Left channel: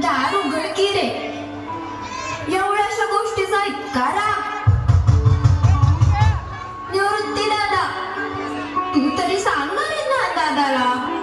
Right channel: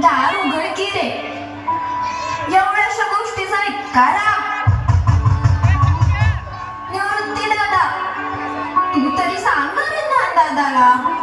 दार उघड की रे. एवढ्याशा गोष्टीचा इतका राग. निवृत्ती दादा तू तरी सांग ना रे ज्ञान दादाला